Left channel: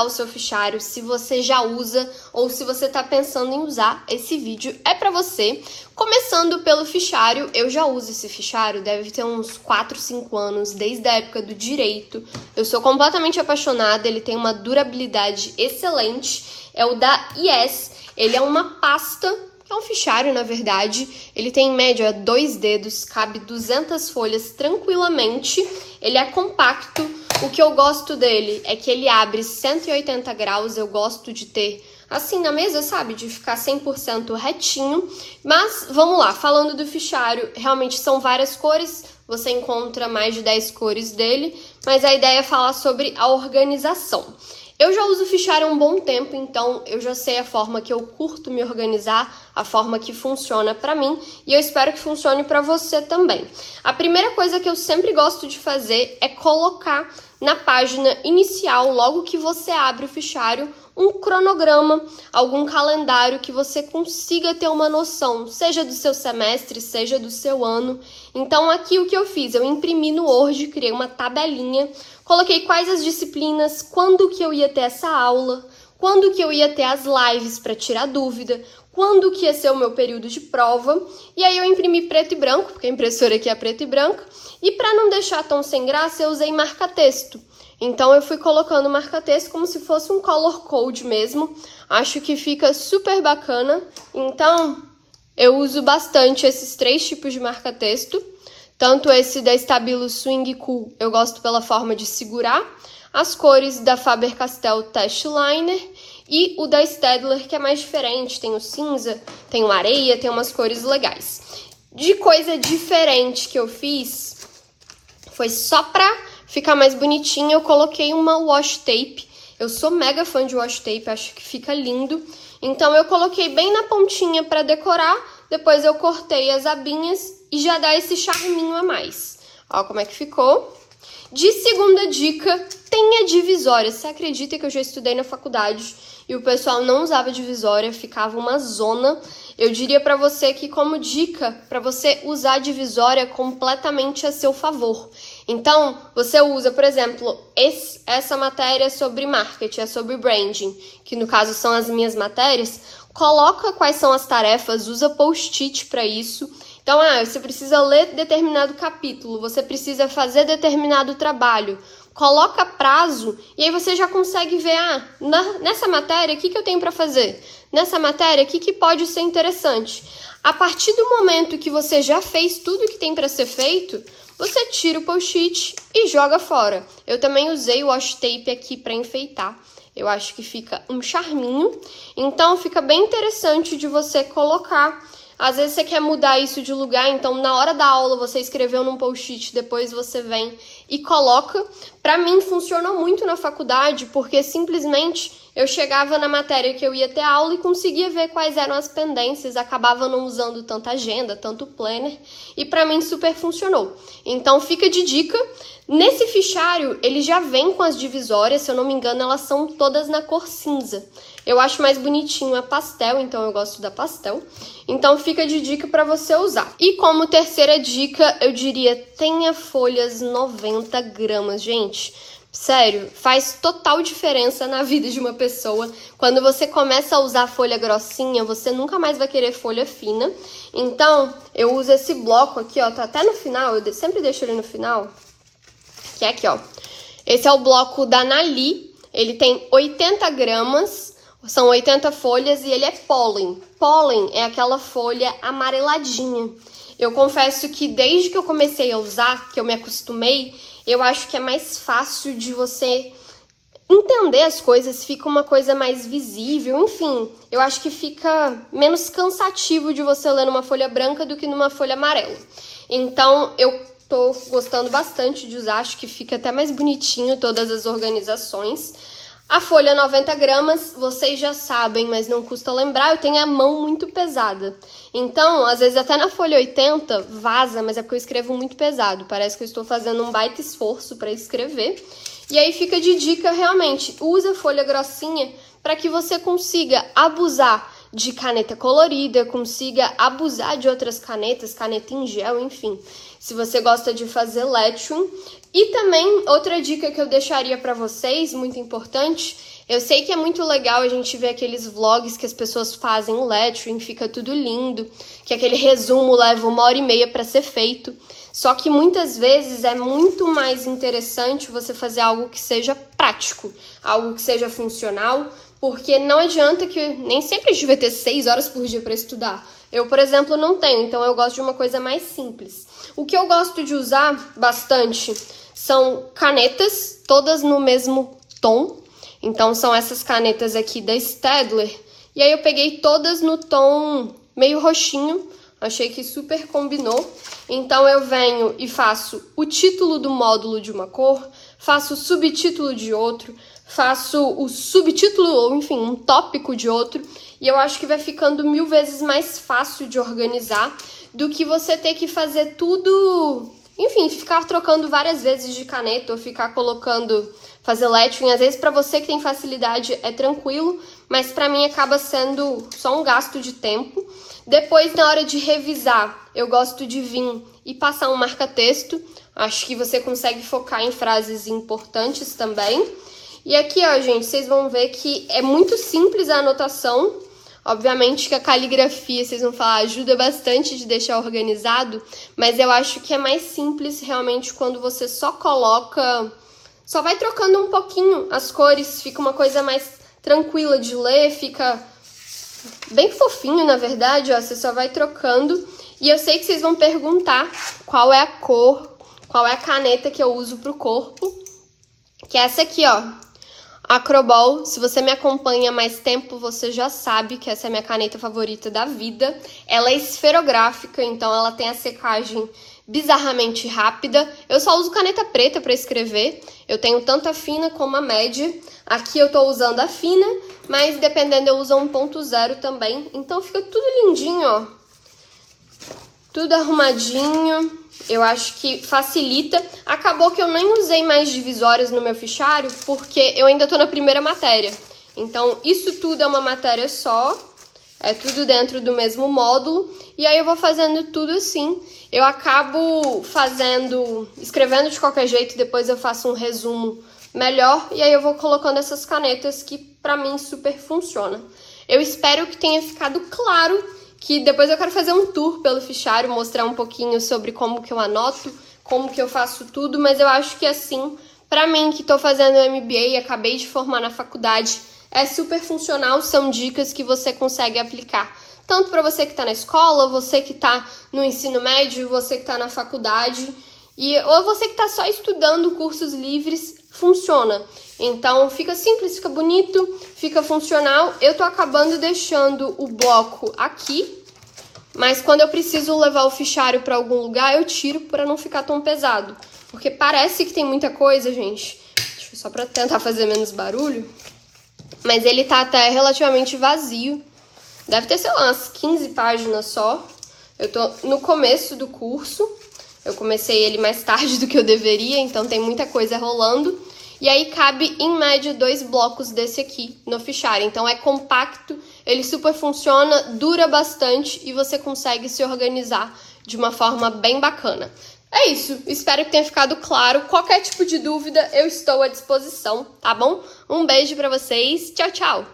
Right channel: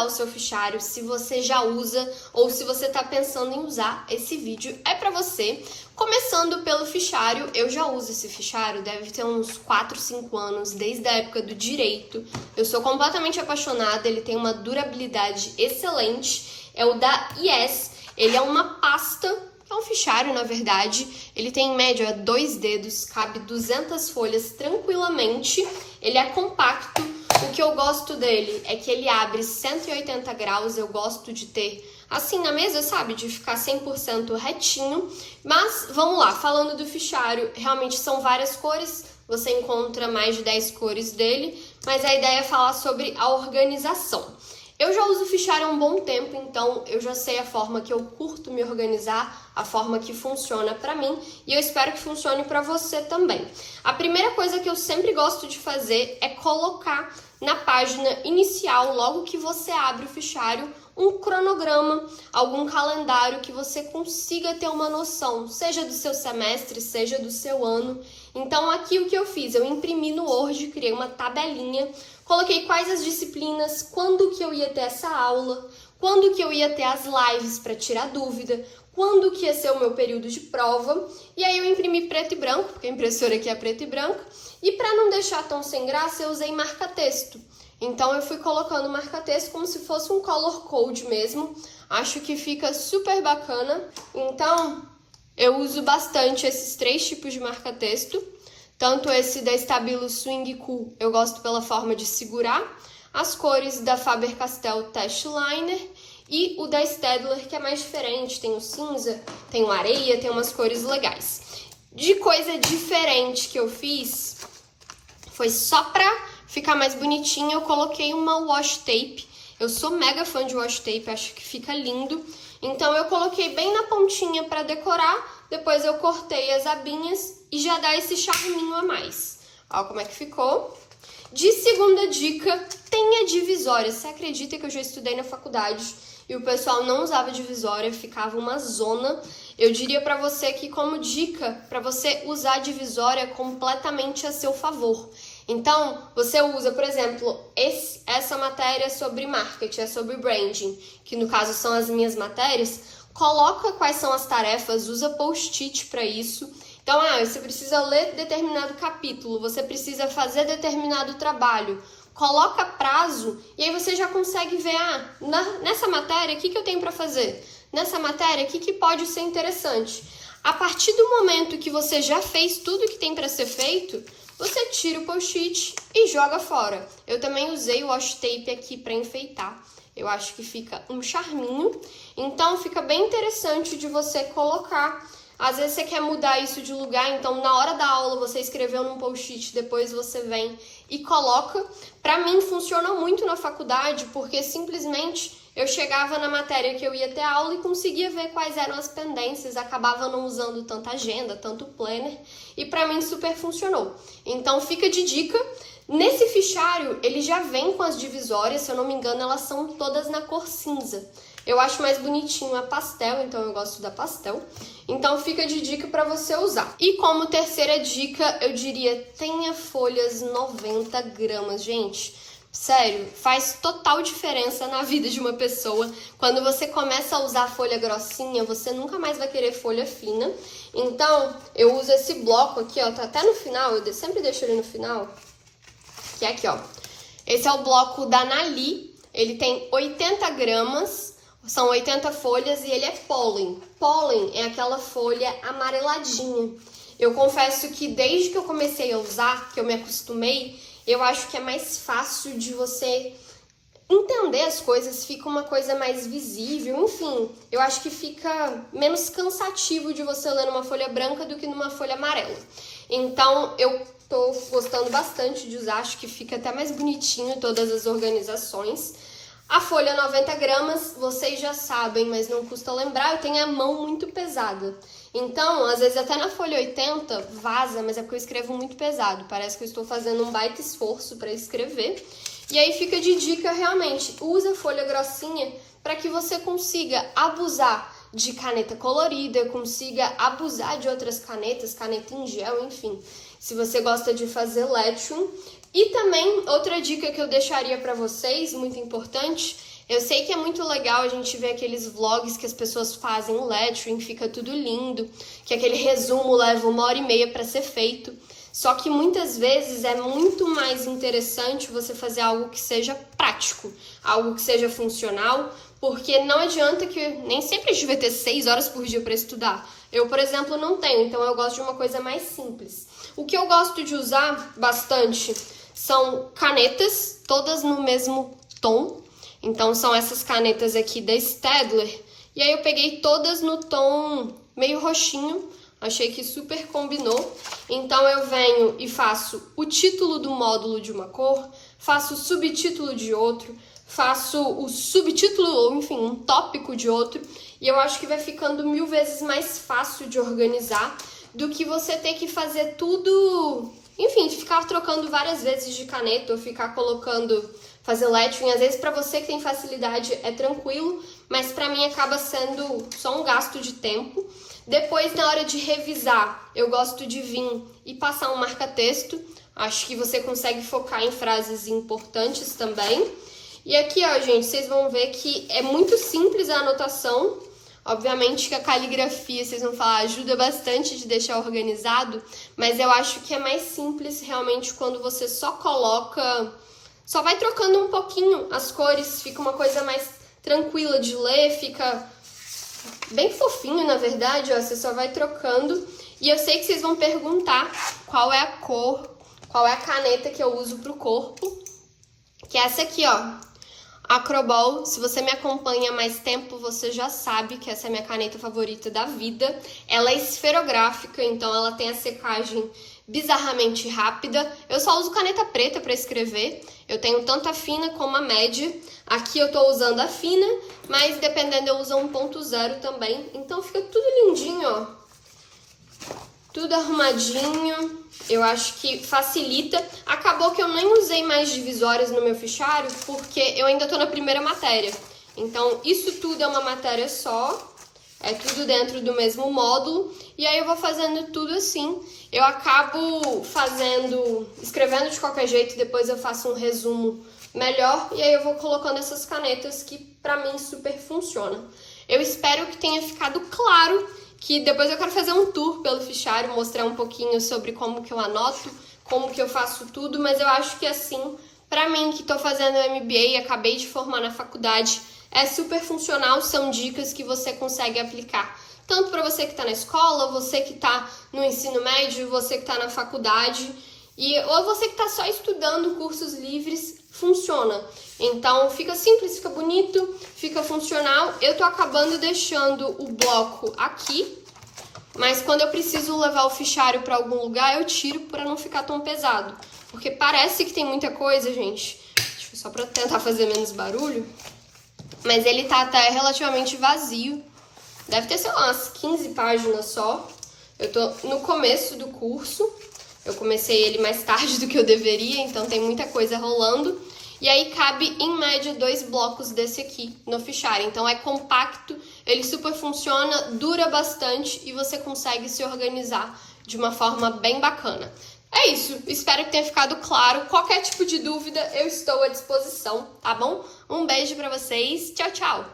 organizar o seu fichário, se você já usa ou se você está pensando em usar, esse vídeo é para você. Começando pelo fichário, eu já uso esse fichário, deve ter uns 4, 5 anos, desde a época do direito. Eu sou completamente apaixonada, ele tem uma durabilidade excelente, é o da Yes, ele é uma pasta, é um fichário na verdade, ele tem em média 2 dedos, cabe 200 folhas tranquilamente, ele é compacto. O que eu gosto dele é que ele abre 180 graus, eu gosto de ter assim na mesa, sabe? De ficar 100% retinho. Mas vamos lá, falando do fichário, realmente são várias cores, você encontra mais de 10 cores dele, mas a ideia é falar sobre a organização. Eu já uso o fichário há um bom tempo, então eu já sei a forma que eu curto me organizar, a forma que funciona pra mim, e eu espero que funcione pra você também. A primeira coisa que eu sempre gosto de fazer é colocar na página inicial, logo que você abre o fichário, um cronograma, algum calendário que você consiga ter uma noção, seja do seu semestre, seja do seu ano. Então aqui o que eu fiz, eu imprimi no Word, criei uma tabelinha, coloquei quais as disciplinas, quando que eu ia ter essa aula, quando que eu ia ter as lives para tirar dúvida, quando que ia ser o meu período de prova, e aí eu imprimi preto e branco, porque a impressora aqui é preto e branco, e para não deixar tão sem graça, eu usei marca-texto. Então eu fui colocando marca-texto como se fosse um color code mesmo, acho que fica super bacana, então eu uso bastante esses 3 tipos de marca-texto, tanto esse da Stabilo Swing Cool, eu gosto pela forma de segurar, as cores da Faber-Castell Test Liner e o da Staedtler, que é mais diferente, tem o cinza, tem o areia, tem umas cores legais. De coisa diferente que eu fiz, foi só pra ficar mais bonitinho, eu coloquei uma washi tape. Eu sou mega fã de washi tape, acho que fica lindo. Então eu coloquei bem na pontinha pra decorar, depois eu cortei as abinhas e já dá esse charminho a mais. Ó como é que ficou. De segunda dica, tenha divisória. Você acredita que eu já estudei na faculdade e o pessoal não usava divisória, ficava uma zona? Eu diria pra você que como dica, pra você usar divisória completamente a seu favor. Então, você usa, por exemplo, essa matéria sobre marketing, é sobre branding, que no caso são as minhas matérias, coloca quais são as tarefas, usa post-it para isso. Então, você precisa ler determinado capítulo, você precisa fazer determinado trabalho, coloca prazo e aí você já consegue ver, nessa matéria, o que eu tenho para fazer? Nessa matéria, o que pode ser interessante? A partir do momento que você já fez tudo que tem para ser feito, você tira o post-it e joga fora. Eu também usei o washi tape aqui para enfeitar. Eu acho que fica um charminho. Então fica bem interessante de você colocar. Às vezes você quer mudar isso de lugar, então na hora da aula você escreveu num post-it, depois você vem e coloca. Para mim funcionou muito na faculdade, porque simplesmente eu chegava na matéria que eu ia ter aula e conseguia ver quais eram as pendências, acabava não usando tanta agenda, tanto planner, e para mim super funcionou. Então fica de dica, nesse fichário ele já vem com as divisórias, se eu não me engano elas são todas na cor cinza. Eu acho mais bonitinho a pastel, então eu gosto da pastel. Então fica de dica para você usar. E como terceira dica, eu diria, tenha folhas 90 gramas, gente. Sério, faz total diferença na vida de uma pessoa. Quando você começa a usar folha grossinha, você nunca mais vai querer folha fina. Então, eu uso esse bloco aqui, ó, tá até no final, eu sempre deixo ele no final, que é aqui, ó. Esse é o bloco da Nali, ele tem 80 gramas, são 80 folhas e ele é pólen. Pólen é aquela folha amareladinha. Eu confesso que desde que eu comecei a usar, que eu me acostumei, eu acho que é mais fácil de você entender as coisas, fica uma coisa mais visível, enfim, eu acho que fica menos cansativo de você ler numa folha branca do que numa folha amarela. Então, eu tô gostando bastante de usar, acho que fica até mais bonitinho todas as organizações. A folha 90 gramas, vocês já sabem, mas não custa lembrar, eu tenho a mão muito pesada. Então, às vezes até na folha 80 vaza, mas é porque eu escrevo muito pesado. Parece que eu estou fazendo um baita esforço para escrever. E aí fica de dica, realmente, usa folha grossinha para que você consiga abusar de caneta colorida, consiga abusar de outras canetas, caneta em gel, enfim. Se você gosta de fazer lettering. E também, outra dica que eu deixaria para vocês, muito importante, Eu sei que é muito legal a gente ver aqueles vlogs que as pessoas fazem o lettering, fica tudo lindo, que aquele resumo leva 1h30 para ser feito. Só que muitas vezes é muito mais interessante você fazer algo que seja prático, algo que seja funcional, porque não adianta que nem sempre a gente vai ter 6 horas por dia para estudar. Eu, por exemplo, não tenho, então eu gosto de uma coisa mais simples. O que eu gosto de usar bastante são canetas, todas no mesmo tom. Então são essas canetas aqui da Staedtler. E aí eu peguei todas no tom meio roxinho. Achei que super combinou. Então eu venho e faço o título do módulo de uma cor, faço o subtítulo de outro, faço o subtítulo, ou enfim, um tópico de outro. E eu acho que vai ficando 1000 vezes mais fácil de organizar do que você ter que fazer tudo... Enfim, ficar trocando várias vezes de caneta ou ficar colocando, fazer lettering. Às vezes pra você que tem facilidade é tranquilo, mas pra mim acaba sendo só um gasto de tempo. Depois, na hora de revisar, eu gosto de vir e passar um marca-texto. Acho que você consegue focar em frases importantes também. E aqui, ó, gente, vocês vão ver que é muito simples a anotação. Obviamente que a caligrafia, vocês vão falar, ajuda bastante de deixar organizado, mas eu acho que é mais simples realmente quando você só coloca, só vai trocando um pouquinho as cores, fica uma coisa mais tranquila de ler, fica bem fofinho, na verdade, ó, você só vai trocando. E eu sei que vocês vão perguntar qual é a cor, qual é a caneta que eu uso pro corpo, que é essa aqui, ó. Acrobol. Se você me acompanha há mais tempo, você já sabe que essa é a minha caneta favorita da vida. Ela é esferográfica, então ela tem a secagem bizarramente rápida. Eu só uso caneta preta para escrever. Eu tenho tanto a fina como a média. Aqui eu tô usando a fina, mas dependendo eu uso a 1.0 também. Então fica tudo lindinho, ó. Tudo arrumadinho. Eu acho que facilita. Acabou que eu nem usei mais divisórias no meu fichário, porque eu ainda tô na primeira matéria. Então, isso tudo é uma matéria só. É tudo dentro do mesmo módulo. E aí eu vou fazendo tudo assim. Eu acabo escrevendo de qualquer jeito, depois eu faço um resumo melhor. E aí eu vou colocando essas canetas que pra mim super funcionam. Eu espero que tenha ficado claro que depois eu quero fazer um tour pelo fichário, mostrar um pouquinho sobre como que eu anoto, como que eu faço tudo, mas eu acho que assim, pra mim que tô fazendo MBA e acabei de formar na faculdade, é super funcional, são dicas que você consegue aplicar. Tanto pra você que tá na escola, você que tá no ensino médio, você que tá na faculdade, ou você que tá só estudando cursos livres, funciona. Então fica simples, fica bonito, fica funcional. Eu tô acabando deixando o bloco aqui, mas quando eu preciso levar o fichário pra algum lugar, eu tiro pra não ficar tão pesado. Porque parece que tem muita coisa, gente. Só pra tentar fazer menos barulho. Mas ele tá até relativamente vazio. Deve ter, sei lá, umas 15 páginas só. Eu tô no começo do curso. Eu comecei ele mais tarde do que eu deveria, então tem muita coisa rolando. E aí cabe, em média, 2 blocos desse aqui no fichário. Então é compacto, ele super funciona, dura bastante e você consegue se organizar de uma forma bem bacana. É isso, espero que tenha ficado claro. Qualquer tipo de dúvida, eu estou à disposição, tá bom? Um beijo pra vocês, tchau, tchau!